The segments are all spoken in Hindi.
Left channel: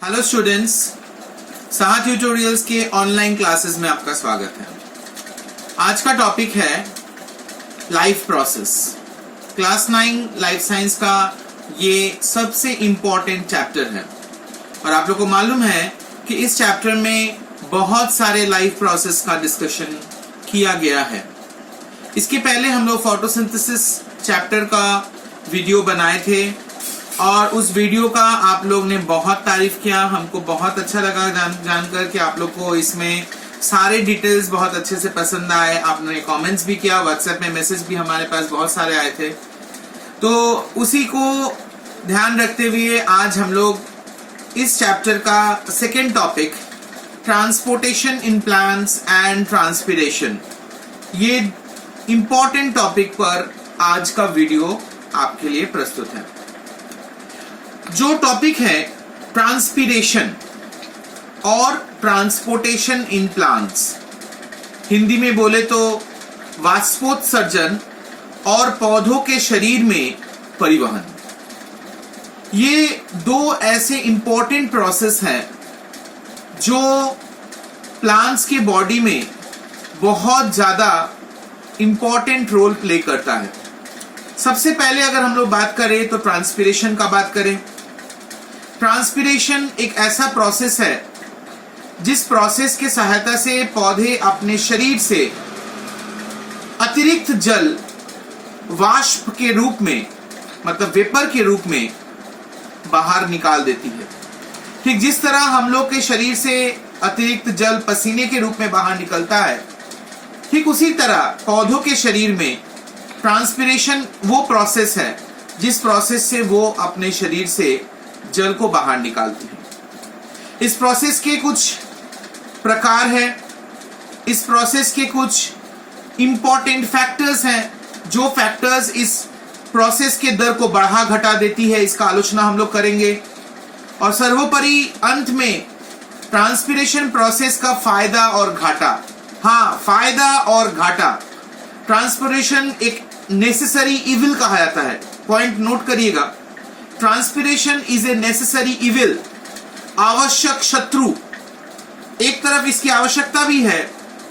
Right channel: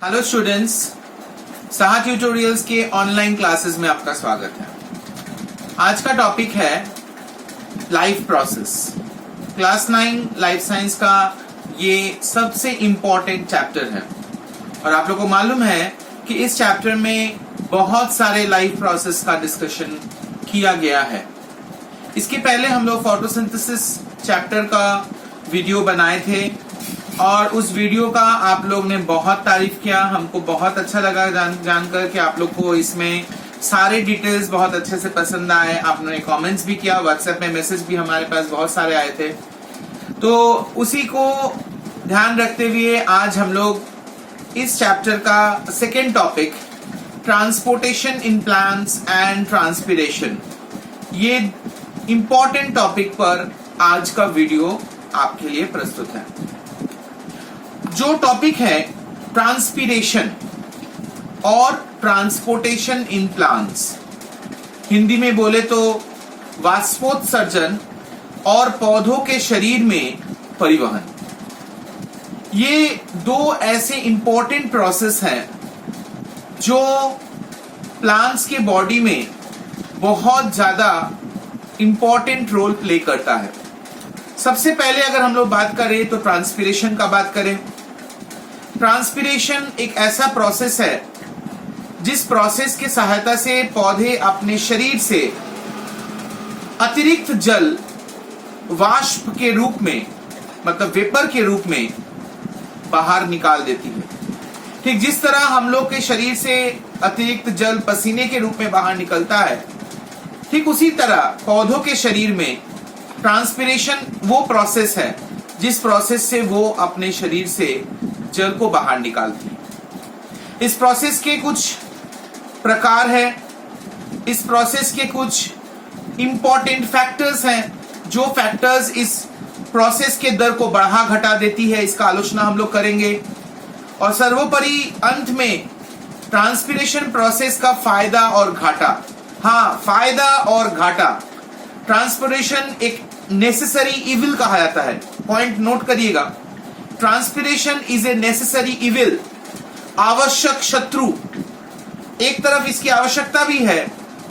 हेलो स्टूडेंट्स, साहा ट्यूटोरियल्स के ऑनलाइन क्लासेस में आपका स्वागत है। आज का टॉपिक है life process. Class 9 life science का ये सबसे इम्पोर्टेंट चैप्टर है और आप लोगों को मालूम है कि इस चैप्टर में बहुत सारे लाइफ प्रोसेस का डिस्कशन किया गया है। इसके पहले हम लोग फोटोसिंथेसिस चैप्टर का वीडियो बनाए थे और उस वीडियो का आप लोग ने बहुत तारीफ किया। हमको बहुत अच्छा लगा जानकर कि आप लोग को इसमें सारे डिटेल्स बहुत अच्छे से पसंद आए। आपने कमेंट्स भी किया, व्हाट्सएप में मैसेज भी हमारे पास बहुत सारे आए थे। तो उसी को ध्यान रखते हुए आज हम लोग इस चैप्टर का second topic transportation in plants and transpiration, ये इंपॉर्टेंट टॉपिक पर आज का वीडियो आपके लिए प्रस्तुत है। जो टॉपिक है ट्रांसपिरेशन और ट्रांसपोर्टेशन इन प्लांट्स, हिंदी में बोले तो वाष्पोत्सर्जन और पौधों के शरीर में परिवहन। ये दो ऐसे इंपॉर्टेंट प्रोसेस हैं जो प्लांट्स के बॉडी में बहुत ज्यादा इंपॉर्टेंट रोल प्ले करता है। सबसे पहले अगर हम लोग बात करें तो ट्रांसपिरेशन का बात करें। ट्रांसपिरेशन एक ऐसा प्रोसेस है जिस प्रोसेस के सहायता से पौधे अपने शरीर से अतिरिक्त जल वाष्प के रूप में, मतलब वेपर के रूप में बाहर निकाल देती है। ठीक जिस तरह हम लोग के शरीर से अतिरिक्त जल पसीने के रूप में बाहर निकलता है, ठीक उसी तरह पौधों के शरीर में ट्रांसपिरेशन वो प्रोसेस है जिस प्रोसेस से वो अपने शरीर से जल को बाहर निकालती है। इस प्रोसेस के कुछ प्रकार है, इस प्रोसेस के कुछ इंपॉर्टेंट फैक्टर्स हैं जो फैक्टर्स इस प्रोसेस के दर को बढ़ा घटा देती है। इसका आलोचना हम लोग करेंगे और सर्वोपरि अंत में ट्रांसपिरेशन प्रोसेस का फायदा और घाटा। हाँ, फायदा और घाटा। ट्रांसपिरेशन एक नेसेसरी इविल कहा जाता है, पॉइंट नोट करिएगा। Transpiration is a necessary evil, आवश्यक शत्रु। एक तरफ इसकी आवश्यकता भी है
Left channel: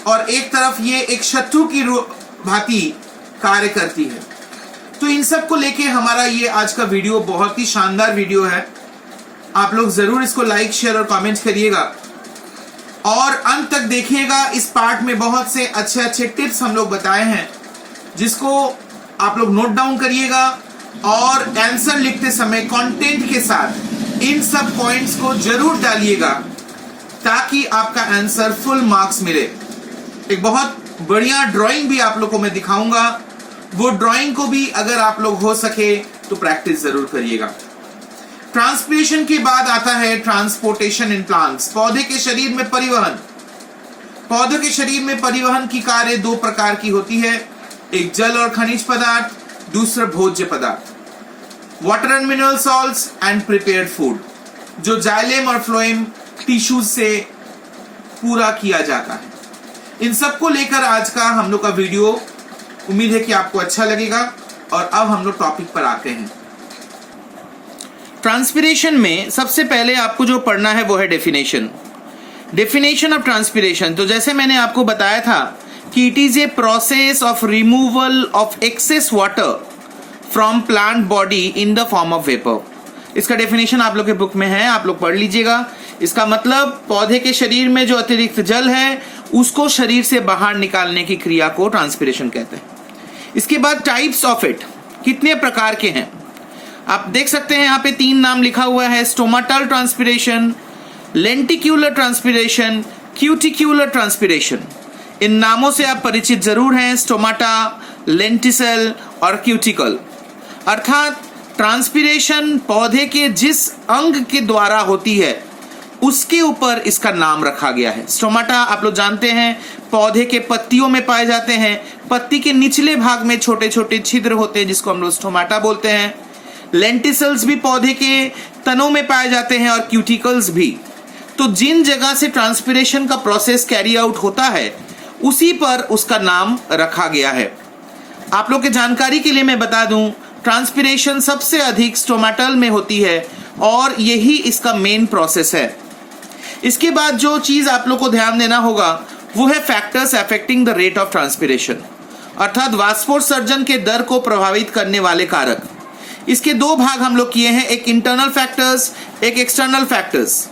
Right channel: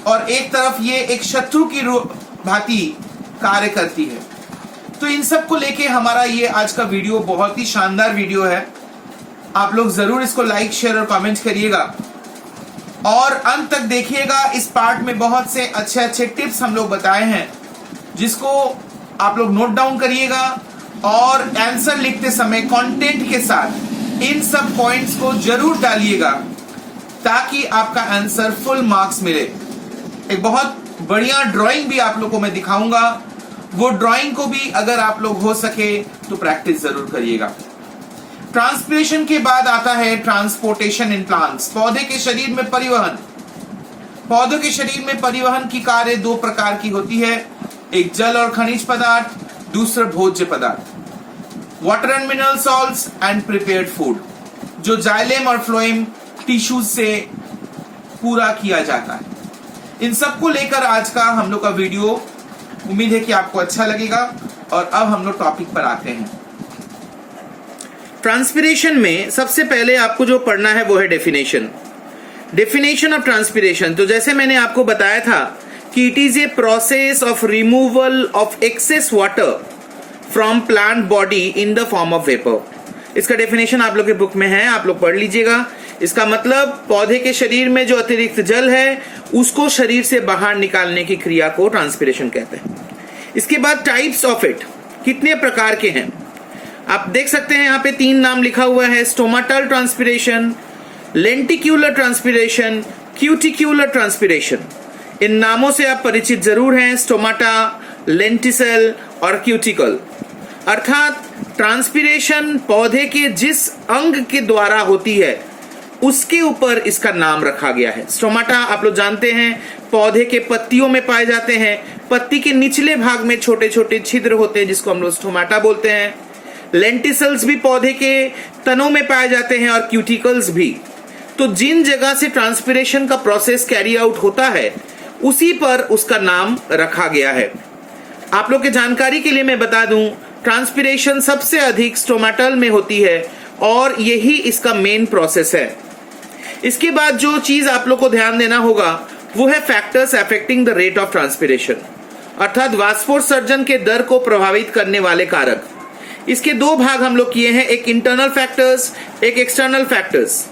और एक तरफ ये एक शत्रु की भांति कार्य करती है। तो इन सब को लेके हमारा ये आज का वीडियो बहुत ही शानदार वीडियो है। आप लोग जरूर इसको लाइक, शेयर और कमेंट करिएगा और अंत तक देखिएगा। इस पार्ट में बहुत से अच्छे अच्छे टिप्स हम लोग बताए हैं जिसको आप लोग नोट डाउन करिएगा और आंसर लिखते समय कंटेंट के साथ इन सब पॉइंट्स को जरूर डालिएगा ताकि आपका आंसर फुल मार्क्स मिले। एक बहुत बढ़िया ड्राइंग भी आप लोग को मैं दिखाऊंगा, वो ड्राइंग को भी अगर आप लोग हो सके तो प्रैक्टिस जरूर करिएगा। ट्रांसपिरेशन के बाद आता है ट्रांसपोर्टेशन इन प्लांट्स, पौधे के शरीर में परिवहन। पौधों के शरीर में परिवहन की कार्य दो प्रकार की होती है, एक जल और खनिज पदार्थ, दूसरा भोज्य पदार्थ। Water and mineral salts and prepared food, जो जाइलेम और फ्लोएम टिश्यूज से पूरा किया जाता है। इन सबको लेकर आज का हम लोग का वीडियो, उम्मीद है कि आपको अच्छा लगेगा। और अब हम लोग टॉपिक पर आते हैं। ट्रांसपिरेशन में सबसे पहले आपको जो पढ़ना है वो है डेफिनेशन ऑफ ट्रांसपिरेशन। तो जैसे मैंने आपको बताया था कि it is a process of removal of excess water from plant body in the form of vapour. इसका डेफिनेशन आप लोग के बुक में है, आप लोग पढ़ लीजिएगा। इसका मतलब पौधे के शरीर में जो अतिरिक्त जल है उसको शरीर से बाहर निकालने की क्रिया को ट्रांसपिरेशन कहते हैं। इसके बाद टाइप्स ऑफ इट, कितने प्रकार के हैं आप देख सकते हैं। यहाँ पे 3 नाम लिखा हुआ है, stomatal transpiration, lenticular transpiration, cuticular transpiration. इन नामों से आप परिचित जरूर हैं, स्टोमाटा, लेंटिसेल और क्यूटिकल। अर्थात ट्रांसपिरेशन पौधे के जिस अंग के द्वारा होती है उसके ऊपर इसका नाम रखा गया है। स्टोमाटा आप लोग जानते हैं पौधे के पत्तियों में पाए जाते हैं। पत्ती के निचले भाग में छोटे छोटे छिद्र होते हैं जिसको हम लोग स्टोमाटा बोलते हैं। लेंटिसल्स भी पौधे के तनों में पाए जाते हैं और क्यूटिकल्स भी। तो जिन जगह से ट्रांसपिरेशन का प्रोसेस कैरी आउट होता है उसी पर उसका नाम रखा गया है। आप लोग के जानकारी के लिए मैं बता दूं, ट्रांसपिरेशन सबसे अधिक स्टोमाटल में होती है और यही इसका मेन प्रोसेस है। इसके बाद जो चीज आप लोग को ध्यान देना होगा वो है factors affecting the rate of transpiration, अर्थात वाष्पोत्सर्जन के दर को प्रभावित करने वाले कारक। इसके दो भाग हम लोग किए हैं, एक इंटरनल फैक्टर्स, एक एक्सटर्नल फैक्टर्स।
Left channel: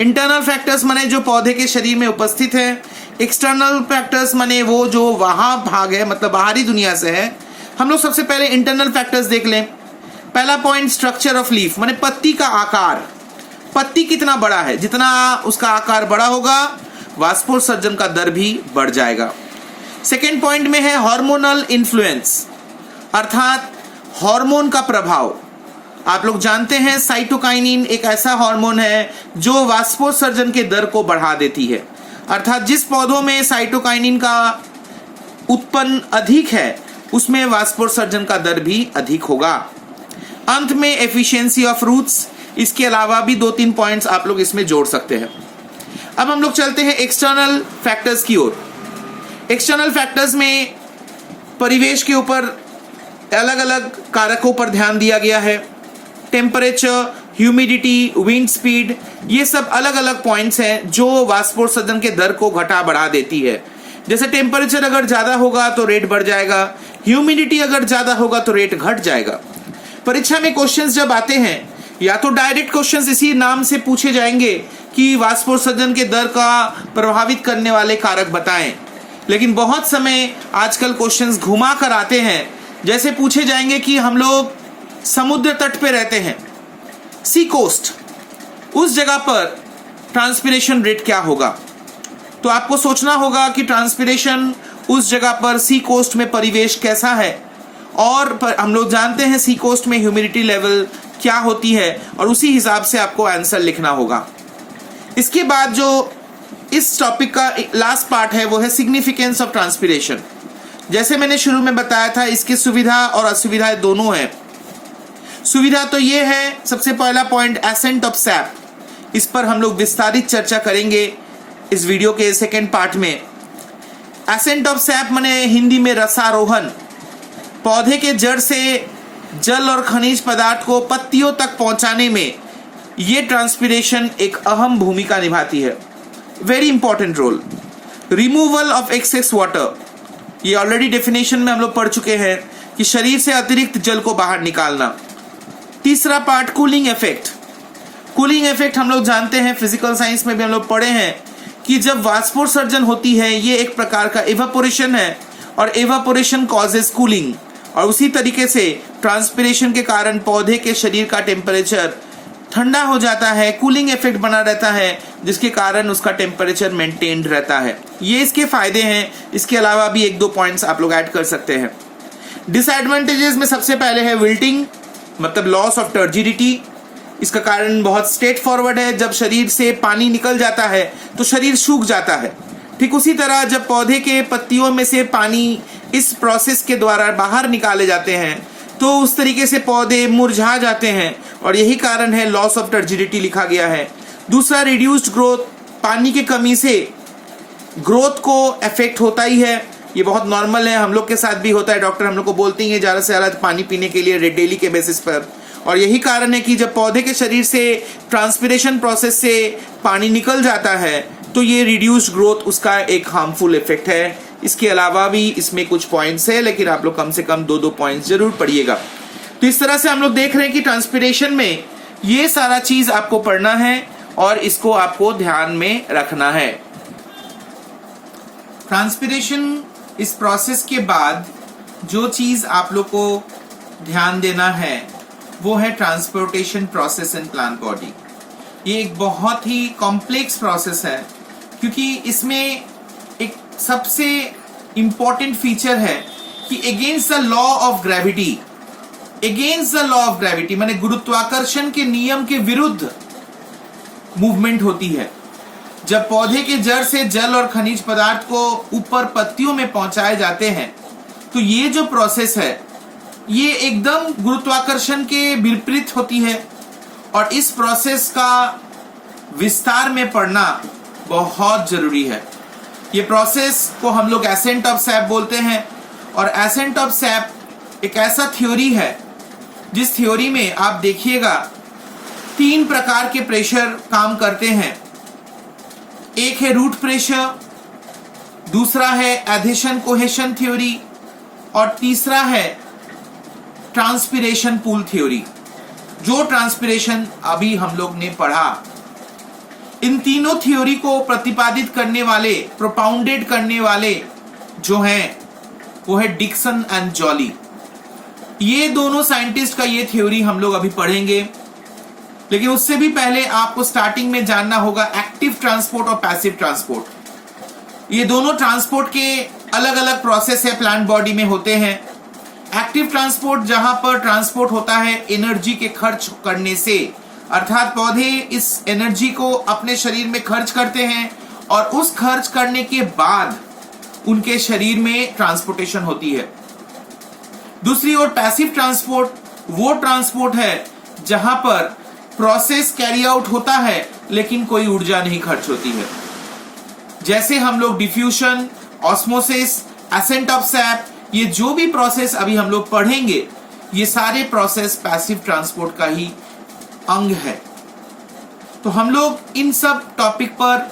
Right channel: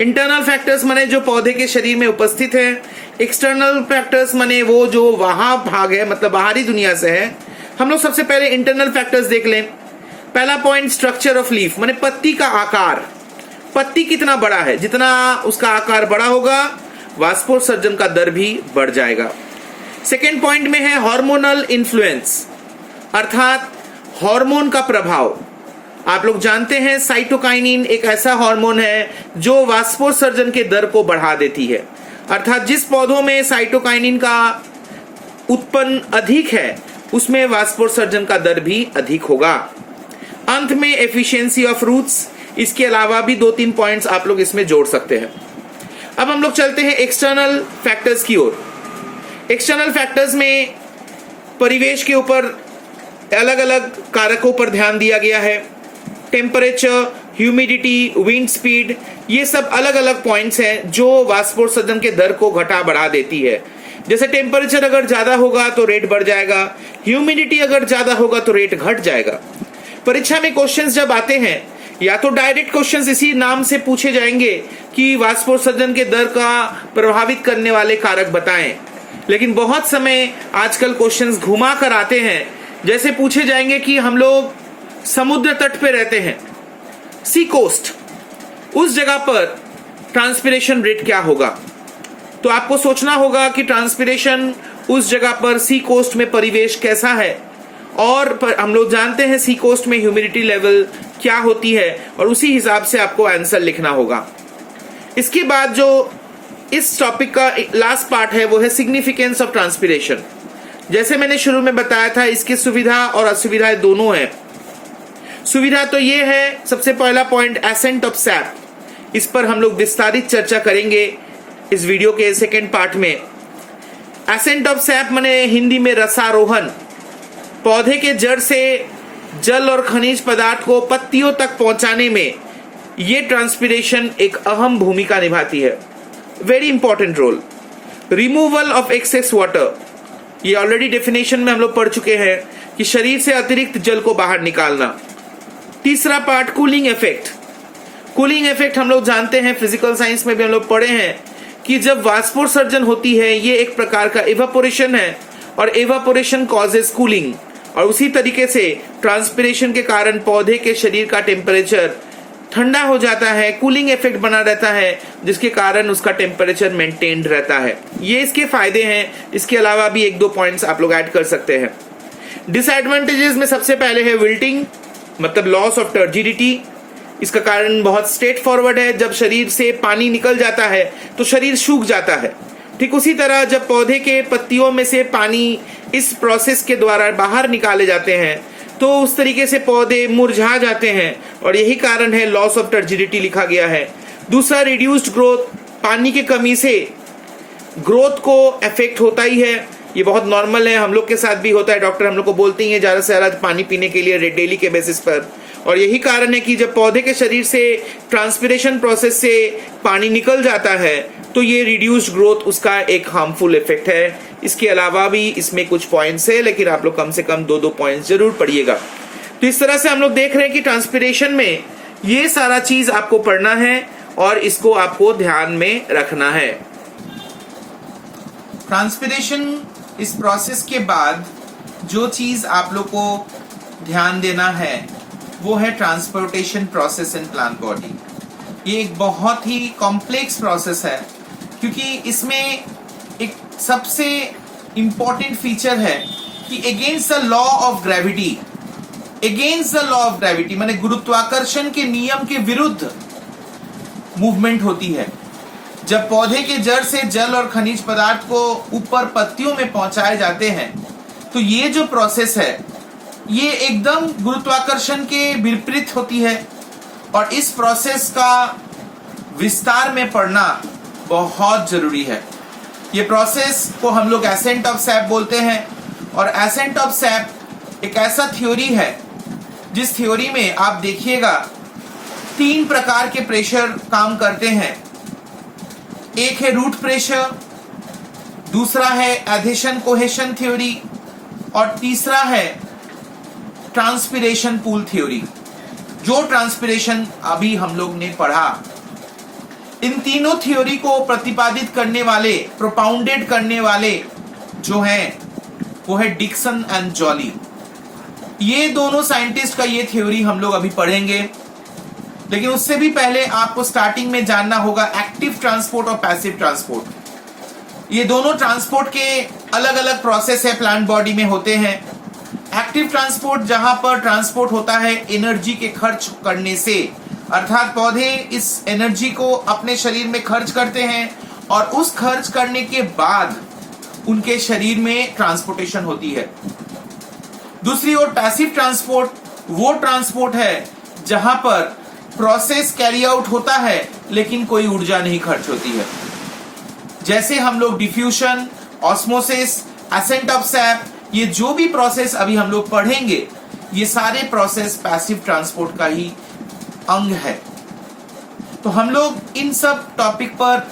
इंटरनल फैक्टर्स माने जो पौधे के शरीर में उपस्थित है, एक्सटर्नल फैक्टर्स माने वो जो वहां भाग है, मतलब बाहरी दुनिया से है। हम लोग सबसे पहले इंटरनल फैक्टर्स देख लें। पहला पॉइंट स्ट्रक्चर ऑफ लीफ, माने पत्ती का आकार। पत्ती कितना बड़ा है, जितना उसका आकार बड़ा होगा वाष्पोत्सर्जन का दर भी बढ़ जाएगा। सेकेंड पॉइंट में है हार्मोनल इन्फ्लुएंस, अर्थात हार्मोन का प्रभाव। आप लोग जानते हैं साइटोकाइनिन एक ऐसा हार्मोन है जो वाष्पोत्सर्जन के दर को बढ़ा देती है, अर्थात जिस पौधों में साइटोकाइनिन का उत्पन्न अधिक है उसमें वाष्पोत्सर्जन का दर भी अधिक होगा। अंत में एफिशिएंसी ऑफ रूट्स, इसके अलावा भी 2-3 पॉइंट्स आप लोग इसमें जोड़ सकते हैं। अब हम लोग चलते हैं एक्सटर्नल फैक्टर्स की ओर। एक्सटर्नल फैक्टर्स में परिवेश के ऊपर अलग अलग कारकों पर ध्यान दिया गया है। टेम्परेचर, ह्यूमिडिटी, विंड स्पीड, ये सब अलग अलग पॉइंट्स हैं जो वाष्पोत्सर्जन के दर को घटा बढ़ा देती है। जैसे टेम्परेचर अगर ज्यादा होगा तो रेट बढ़ जाएगा, ह्यूमिडिटी अगर ज्यादा होगा तो रेट घट जाएगा। परीक्षा में क्वेश्चंस जब आते हैं या तो डायरेक्ट क्वेश्चंस इसी नाम से पूछे जाएंगे कि वाष्पोत्सर्जन के दर का प्रभावित करने वाले कारक बताएं, लेकिन बहुत समय आजकल क्वेश्चंस घुमा कर आते हैं। जैसे पूछे जाएंगे कि हम लोग समुद्र तट पे रहते हैं, सी कोस्ट, उस जगह पर ट्रांसपिरेशन रेट क्या होगा। तो आपको सोचना होगा कि ट्रांसपिरेशन उस जगह पर सी कोस्ट में परिवेश कैसा है, और हम लोग जानते हैं सी कोस्ट में ह्यूमिडिटी लेवल क्या होती है, और उसी हिसाब से आपको आंसर लिखना होगा। इसके बाद जो इस टॉपिक का लास्ट पार्ट है वो है सिग्निफिकेंस ऑफ ट्रांसपिरेशन। जैसे मैंने शुरू में बताया था, इसकी सुविधा और असुविधाएं दोनों हैं। सुविधा तो ये है, सबसे पहला पॉइंट एसेंट ऑफ सैप, इस पर हम लोग विस्तारित चर्चा करेंगे इस वीडियो के सेकेंड पार्ट में। एसेंट ऑफ सैप माने हिंदी में रसारोहण। पौधे के जड़ से जल और खनिज पदार्थ को पत्तियों तक पहुंचाने में ये ट्रांसपिरेशन एक अहम भूमिका निभाती है, very important role. Removal of excess water, ये ऑलरेडी डेफिनेशन में हम लोग पढ़ चुके हैं कि शरीर से अतिरिक्त जल को बाहर निकालना। तीसरा part cooling effect. Cooling effect हम लोग जानते हैं, फिजिकल साइंस में भी हम लोग पढ़े हैं कि जब वाष्पोत्सर्जन होती है ये एक प्रकार का इवेपोरेशन है, और इवेपोरेशन कॉजेस कूलिंग, और उसी तरीके से ट्रांसपिरेशन के कारण पौधे के शरीर का टेम्परेचर ठंडा हो जाता है, कूलिंग इफेक्ट बना रहता है, जिसके कारण उसका टेम्परेचर मेंटेन्ड रहता है। ये इसके फायदे हैं। इसके अलावा भी 1-2 पॉइंट्स आप लोग ऐड कर सकते हैं। डिसएडवांटेजेस में सबसे पहले है विल्टिंग, मतलब लॉस ऑफ टर्जिडिटी। इसका कारण बहुत स्ट्रेट फॉरवर्ड है, जब शरीर से पानी निकल जाता है तो शरीर सूख जाता है। ठीक उसी तरह जब पौधे के पत्तियों में से पानी इस प्रोसेस के द्वारा बाहर निकाले जाते हैं तो उस तरीके से पौधे मुरझा जाते हैं, और यही कारण है लॉस ऑफ टर्जिडिटी लिखा गया है। दूसरा रिड्यूस्ड ग्रोथ, पानी की कमी से ग्रोथ को इफेक्ट होता ही है, ये बहुत नॉर्मल है, हम लोग के साथ भी होता है। डॉक्टर हम लोग को बोलते ही है ज्यादा से ज्यादा पानी पीने के लिए डेली के बेसिस पर, और यही कारण है कि जब पौधे के शरीर से ट्रांसपिरेशन प्रोसेस से पानी निकल जाता है तो ये रिड्यूस्ड ग्रोथ उसका एक हार्मफुल इफेक्ट है। इसके अलावा भी इसमें कुछ पॉइंट्स है, लेकिन आप लोग कम से कम 2-2 पॉइंट्स जरूर पढ़िएगा। तो इस तरह से हम लोग देख रहे हैं कि ट्रांसपिरेशन में ये सारा चीज आपको पढ़ना है और इसको आपको ध्यान में रखना है। ट्रांसपिरेशन इस प्रोसेस के बाद जो चीज आप लोग को ध्यान देना है वो है transportation process in plant body. ये एक बहुत ही कॉम्प्लेक्स प्रोसेस है, क्योंकि इसमें एक सबसे इंपॉर्टेंट फीचर है कि against the law of gravity, against the law of gravity माने गुरुत्वाकर्षण के नियम के विरुद्ध मूवमेंट होती है। जब पौधे के जड़ से जल और खनिज पदार्थ को ऊपर पत्तियों में पहुंचाए जाते हैं तो ये जो प्रोसेस है ये एकदम गुरुत्वाकर्षण के विपरीत होती है, और इस प्रोसेस का विस्तार में पढ़ना बहुत जरूरी है। ये प्रोसेस को हम लोग एसेंट ऑफ सैप बोलते हैं, और एसेंट ऑफ सैप एक ऐसा थ्योरी है जिस थ्योरी में आप देखिएगा तीन प्रकार के प्रेशर काम करते हैं। एक है रूट प्रेशर, दूसरा है एडिशन कोहेशन थ्योरी और तीसरा है ट्रांसपिरेशन पूल थ्योरी, जो ट्रांसपिरेशन अभी हम लोग ने पढ़ा। इन तीनों थ्योरी को प्रतिपादित करने वाले, प्रोपाउंडेड करने वाले जो हैं वो है डिक्सन एंड जॉली। ये दोनों साइंटिस्ट का ये थ्योरी हम लोग अभी पढ़ेंगे, लेकिन उससे भी पहले आपको स्टार्टिंग में जानना होगा एक्टिव ट्रांसपोर्ट और पैसिव ट्रांसपोर्ट। ये दोनों ट्रांसपोर्ट के अलग अलग प्रोसेस है, प्लांट बॉडी में होते हैं। एक्टिव ट्रांसपोर्ट जहां पर ट्रांसपोर्ट होता है एनर्जी के खर्च करने से, अर्थात पौधे इस एनर्जी को अपने शरीर में खर्च करते हैं और उस खर्च करने के बाद उनके शरीर में ट्रांसपोर्टेशन होती है। दूसरी ओर पैसिव ट्रांसपोर्ट वो ट्रांसपोर्ट है जहां पर प्रोसेस कैरी आउट होता है लेकिन कोई ऊर्जा नहीं खर्च होती है। जैसे हम लोग diffusion, osmosis, accent of sap, ये जो भी प्रोसेस अभी हम लोग पढ़ेंगे ये सारे प्रोसेस पैसिव ट्रांसपोर्ट का ही अंग है। तो हम लोग इन सब टॉपिक पर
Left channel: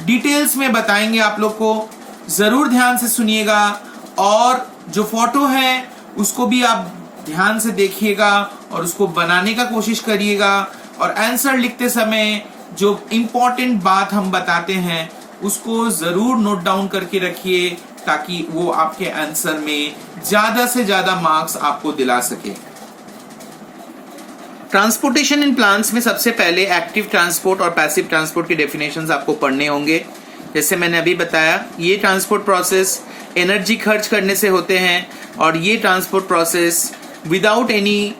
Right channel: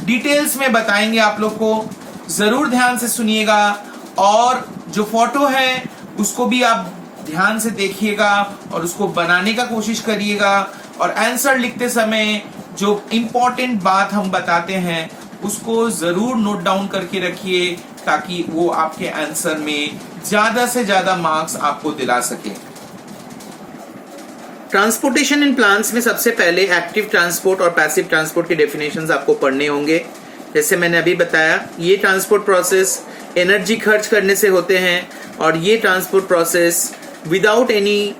डिटेल्स में बताएंगे, आप लोग को जरूर ध्यान से सुनिएगा और जो फोटो है उसको भी आप ध्यान से देखिएगा और उसको बनाने का कोशिश करिएगा और आंसर लिखते समय जो इम्पोर्टेंट बात हम बताते हैं उसको जरूर नोट डाउन करके रखिए ताकि वो आपके आंसर में ज्यादा से ज्यादा मार्क्स आपको दिला सके। ट्रांसपोर्टेशन इन प्लांट्स में सबसे पहले एक्टिव ट्रांसपोर्ट और पैसिव ट्रांसपोर्ट के डेफिनेशंस आपको पढ़ने होंगे। जैसे मैंने अभी बताया, ये ट्रांसपोर्ट प्रोसेस एनर्जी खर्च करने से होते हैं और ये transport process without any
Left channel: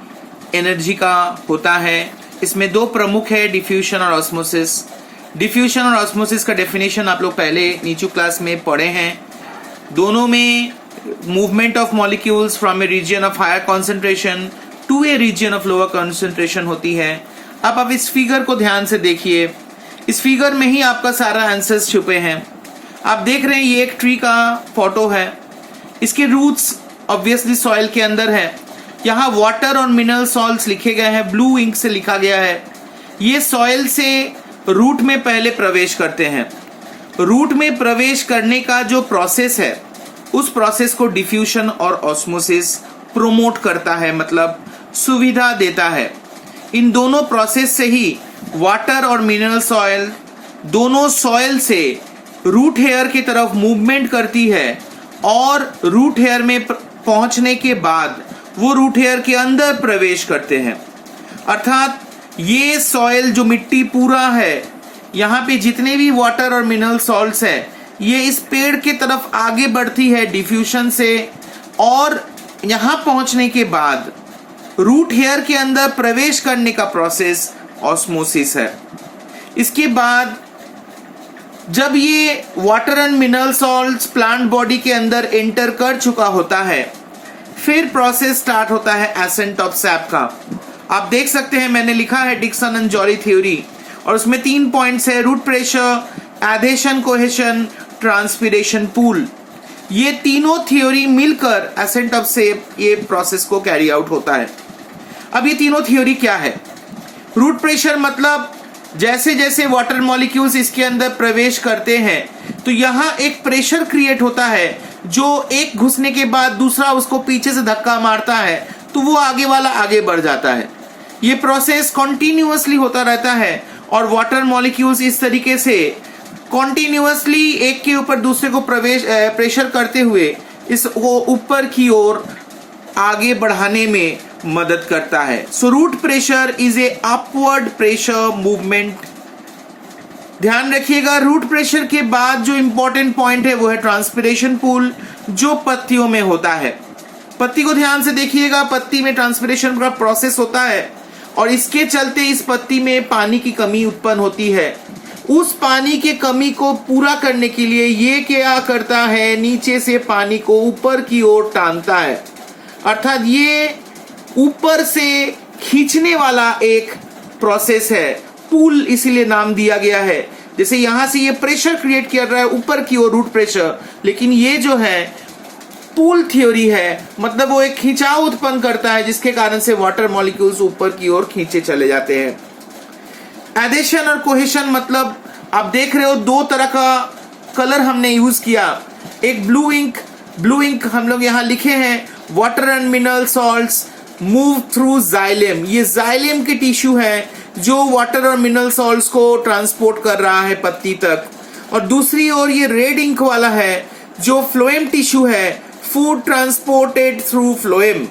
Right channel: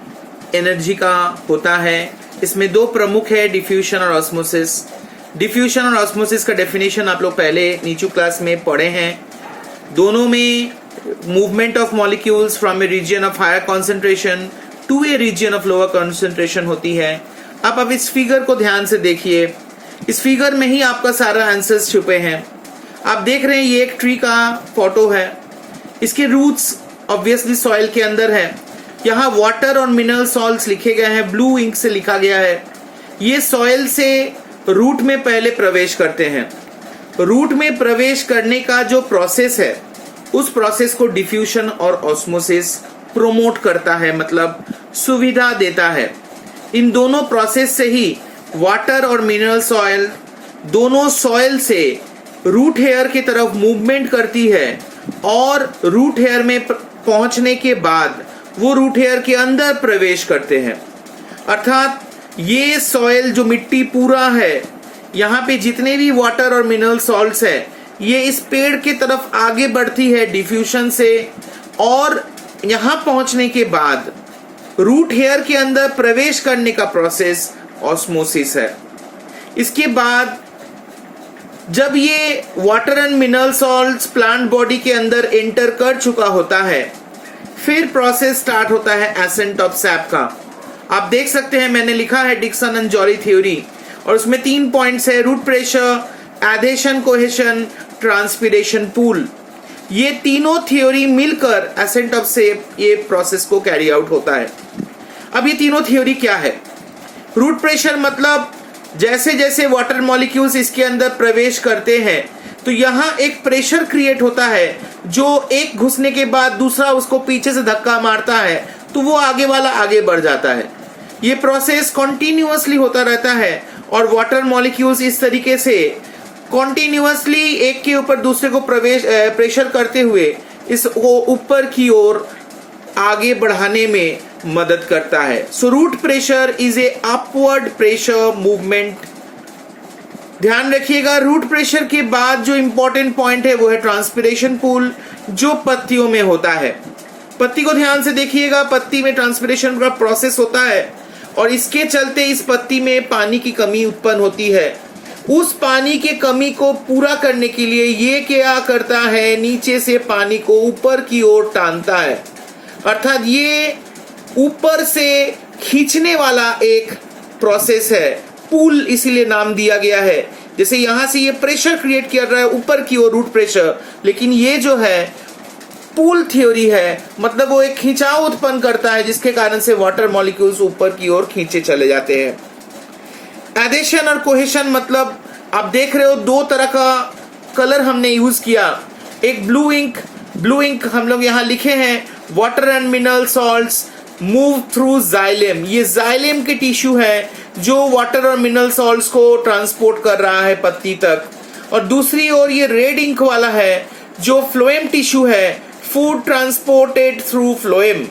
energy का होता है। इसमें दो प्रमुख है, डिफ्यूजन और ऑस्मोसिस। डिफ्यूजन और ऑस्मोसिस का डेफिनेशन आप लोग पहले नीचे क्लास में पढ़े हैं। दोनों में movement of molecules from a region of higher concentration to a region of lower concentration होती है। अब इस फिगर को ध्यान से देखिए, इस फिगर में ही आपका सारा आंसर्स छुपे हैं। आप देख रहे हैं ये एक ट्री का फोटो है, इसके रूट्स ऑब्वियसली सॉइल के अंदर है। यहाँ वाटर और मिनरल सॉल्ट्स लिखे गए हैं, ब्लू इंक से लिखा गया है। ये सॉइल से रूट में पहले प्रवेश करते हैं। रूट में प्रवेश करने का जो प्रोसेस है उस प्रोसेस को डिफ्यूजन और ऑस्मोसिस प्रोमोट करता है, मतलब सुविधा देता है। इन दोनों प्रोसेस से ही वाटर और मिनरल सॉइल दोनों सॉइल से रूट हेयर की तरफ मूवमेंट करती है और रूट हेयर में पहुंचने के बाद वो रूट हेयर के अंदर प्रवेश करते हैं। अर्थात ये सॉइल जो मिट्टी पूरा है, यहाँ पे जितने भी वाटर और मिनरल सॉल्ट्स है ये इस पेड़ की तरफ आगे बढ़ती है डिफ्यूजन से और यहाँ पहुंचने के बाद रूट हेयर के अंदर प्रवेश करने का प्रोसेस ऑस्मोसिस है। इसके बाद जब ये water and mineral salts plant body के अंदर एंटर कर चुका होता है फिर प्रोसेस स्टार्ट होता है एसेंट ऑफ सैप का। आप देख सकते हैं मैंने लिखा है डिक्सन एंड जॉली थ्योरी और उसमें 3 पॉइंट्स है, root pressure, adhesion cohesion, transpiration pull. ये तीनों थ्योरी मिलकर एसेंट ऑफ सैप ये प्रोसेस को कैरी आउट होता है। अब ये तीनों थ्योरी क्या है? रूट प्रेशर मतलब जैसे जैसे वाटर मॉलिक्यूल्स इसके अंदर प्रवेश करते हैं तो यहाँ एक प्रेशर क्रिएट होता है जो एक घुसने के बाद दूसरा उसको पीछे से धक्का मारता है तो वो आगे वाला आगे बढ़ जाता है। ये प्रोसेस कॉन्टिन्यूअसली होता रहता है और वाटर मॉलिक्यूल्स इस तरीके से कॉन्टिन्यूअसली एक के ऊपर दूसरे को प्रेशर करते हुए इसको ऊपर की ओर आगे बढ़ाने में मदद करता है। So root pressure is a upward pressure movement. ध्यान रखिएगा, रूट प्रेशर के बाद जो इंपॉर्टेंट पॉइंट है वो है ट्रांसपिरेशन पूल, जो पत्तियों में होता है। पत्ती को ध्यान से देखिएगा, पत्ती में ट्रांसपिरेशन का प्रोसेस होता है और इसके चलते इस पत्ती में पानी की कमी उत्पन्न होती है। उस पानी के कमी को पूरा करने के लिए ये क्या करता है, नीचे से पानी को ऊपर की ओर टानता है। अर्थात ये ऊपर से खींचने वाला एक प्रोसेस है, पूल इसीलिए नाम दिया गया है। जैसे यहां से ये प्रेशर क्रिएट कर रहा है ऊपर की ओर रूट प्रेशर, लेकिन ये जो है पूल थ्योरी है, मतलब वो एक खिंचाव उत्पन्न करता है जिसके कारण से वाटर मॉलिक्यूल्स ऊपर की ओर खींचे चले जाते हैं। एडिशन और कोहेशन मतलब आप देख रहे हो दो तरह का कलर हमने यूज किया। एक ब्लू इंक हम लोग यहाँ लिखे हैं, water and mineral salts move through xylem. ये जाइलेम के टिश्यू है जो वाटर और मिनरल सॉल्ट्स को ट्रांसपोर्ट कर रहा है पत्ती तक। और दूसरी ओर ये रेड इंक वाला है जो फ्लोएम टिश्यू है, फूड ट्रांसपोर्टेड थ्रू फ्लोएम।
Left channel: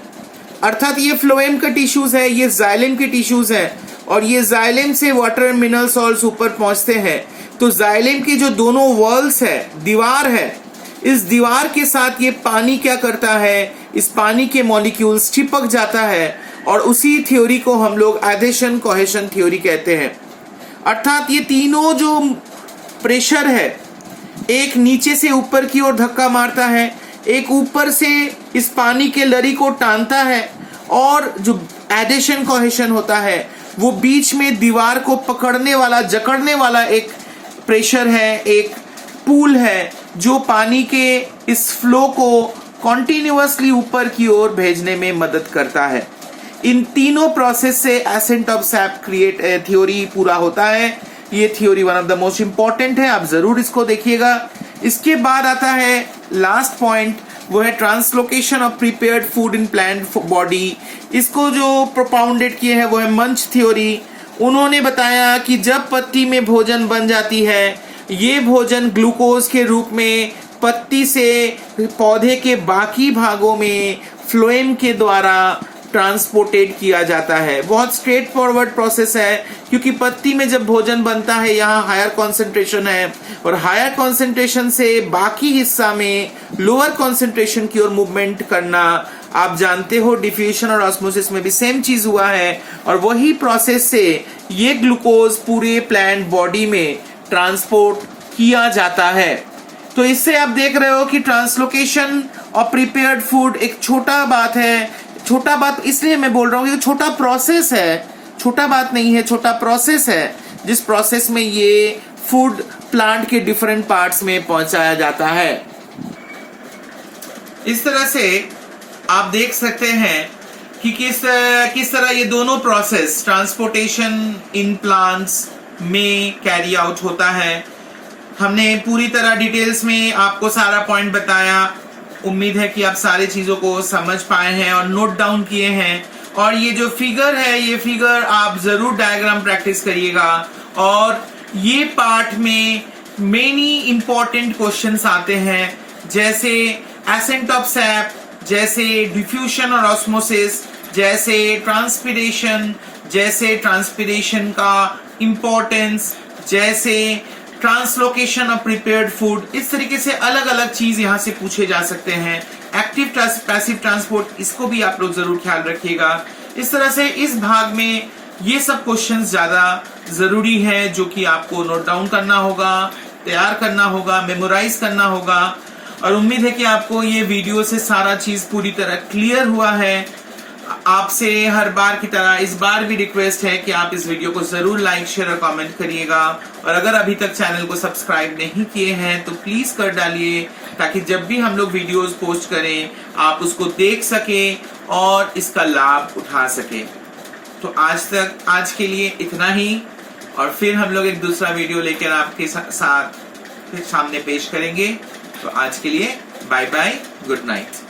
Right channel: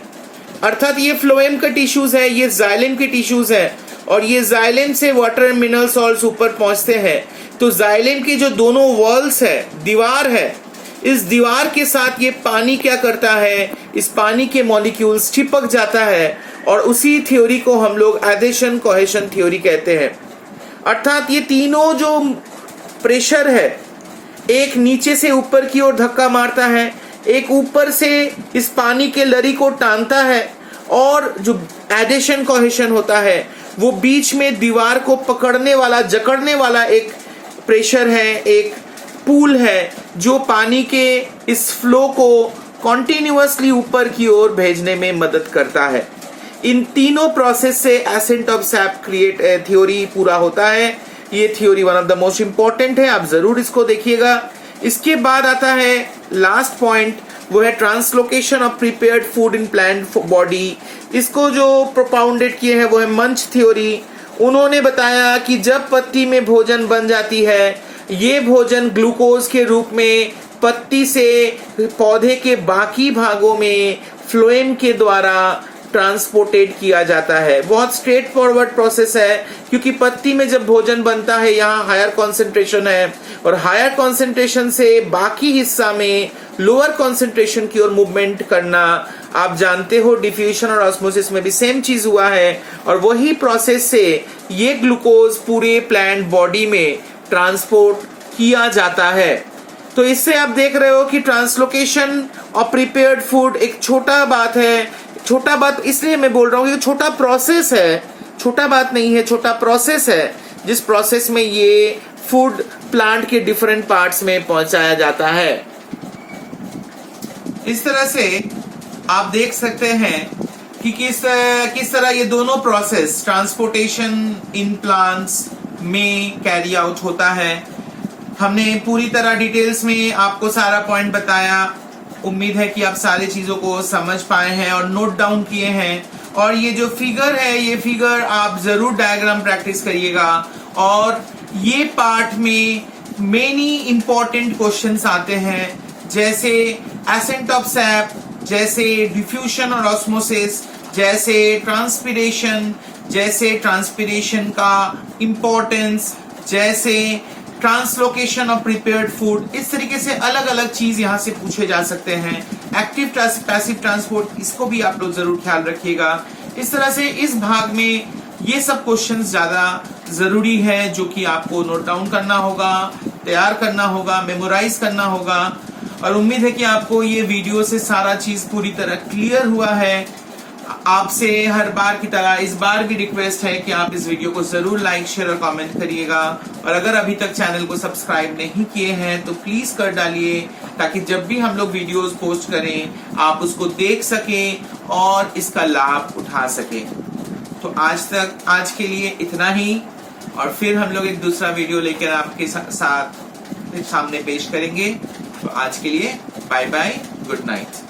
अर्थात ये फ्लोएम का टिश्यूज है, ये जाइलेम के टिश्यूज है और ये जाइलेम से वाटर एंड मिनरल सॉल्ट्स ऊपर पहुंचते हैं। तो जाइलेम की जो दोनों वॉल्स है, दीवार है, इस दीवार के साथ ये पानी क्या करता है, इस पानी के मॉलिक्यूल्स चिपक जाता है और उसी थ्योरी को हम लोग एडिशन कोहेशन थ्योरी कहते हैं। अर्थात ये तीनों जो प्रेशर है, एक नीचे से ऊपर की ओर धक्का मारता है, एक ऊपर से इस पानी के लरी को टानता है और जो एडिशन कोहेशन होता है वो बीच में दीवार को पकड़ने वाला, जकड़ने वाला एक प्रेशर है, एक पूल है जो पानी के इस फ्लो को कॉन्टिन्यूअसली ऊपर की ओर भेजने में मदद करता है। इन तीनों प्रोसेस से accent of SAP create theory पूरा होता है। ये theory one of the most important है, आप जरूर इसको देखिएगा। इसके बाद आता है लास्ट पॉइंट, वो है translocation of prepared food in plant body. इसको जो प्रोपाउंडेड किए हैं वो है मंच थ्योरी। उन्होंने बताया कि जब पत्ती में भोजन बन जाती है, ये भोजन ग्लूकोज के रूप में पत्ती से पौधे के बाकी भागों में फ्लोएम के द्वारा ट्रांसपोर्टेड किया जाता है। बहुत स्ट्रेट फॉरवर्ड प्रोसेस है क्योंकि पत्ती में जब भोजन बनता है यहाँ हायर कॉन्सेंट्रेशन है और हायर कॉन्सेंट्रेशन से बाकी हिस्सा में लोअर कॉन्सेंट्रेशन की ओर मूवमेंट करना आप जानते हो। डिफ्यूजन और ऑस्मोसिस में भी सेम चीज हुआ है और वही प्रोसेस से ये ग्लूकोज पूरे प्लांट बॉडी में ट्रांसपोर्ट किया जाता है। तो इससे आप देख रहे हो कि ट्रांसलोकेशन ऑफ प्रिपेयर्ड फूड एक छोटा बात है। छोटा बात इसलिए मैं बोल रहा हूँ कि छोटा प्रोसेस है, छोटा बात नहीं है, छोटा प्रोसेस है जिस प्रोसेस में ये फूड प्लांट के डिफरेंट पार्ट्स में पहुंचाया जाता है। इस तरह से आप देख सकते हैं कि किस तरह ये दोनों प्रोसेस ट्रांसपोर्टेशन इन प्लांट्स में कैरी आउट होता है। हमने पूरी तरह डिटेल्स में आपको सारा पॉइंट बताया। उम्मीद है कि आप सारी चीजों को समझ पाए हैं और नोट डाउन किए हैं। और ये जो फिगर है, ये फिगर आप जरूर डायग्राम प्रैक्टिस करिएगा। और ये पार्ट में मेनी इंपॉर्टेंट क्वेश्चंस आते हैं, जैसे एसेंट ऑफ सैप, जैसे डिफ्यूजन और ऑस्मोसिस, जैसे ट्रांसपिरेशन, जैसे ट्रांसपिरेशन का इंपॉर्टेंस, जैसे ट्रांसलोकेशन ऑफ प्रिपेयर्ड फूड। इस तरीके से अलग अलग चीज यहाँ से पूछे जा सकते हैं। एक्टिव पैसिव ट्रांसपोर्ट, इसको भी आप लोग जरूर ख्याल रखिएगा। इस तरह से इस भाग में ये सब क्वेश्चंस ज्यादा जरूरी है जो कि आपको नोट डाउन करना होगा, तैयार करना होगा, मेमोराइज करना होगा। और उम्मीद है कि आपको ये वीडियो से सारा चीज पूरी तरह क्लियर हुआ है। आपसे हर बार की तरह इस बार भी रिक्वेस्ट है कि आप इस वीडियो को जरूर लाइक, शेयर और कमेंट करिएगा। और अगर अभी तक चैनल को सब्सक्राइब नहीं किए हैं तो प्लीज कर डालिए, ताकि जब भी हम लोग वीडियोस पोस्ट करें आप उसको देख सकें और इसका लाभ उठा सकें। तो आज के लिए इतना ही, और फिर हम लोग एक दूसरा वीडियो लेकर आपके साथ सामने पेश करेंगे। तो आज के लिए बाय बाय, गुड नाइट।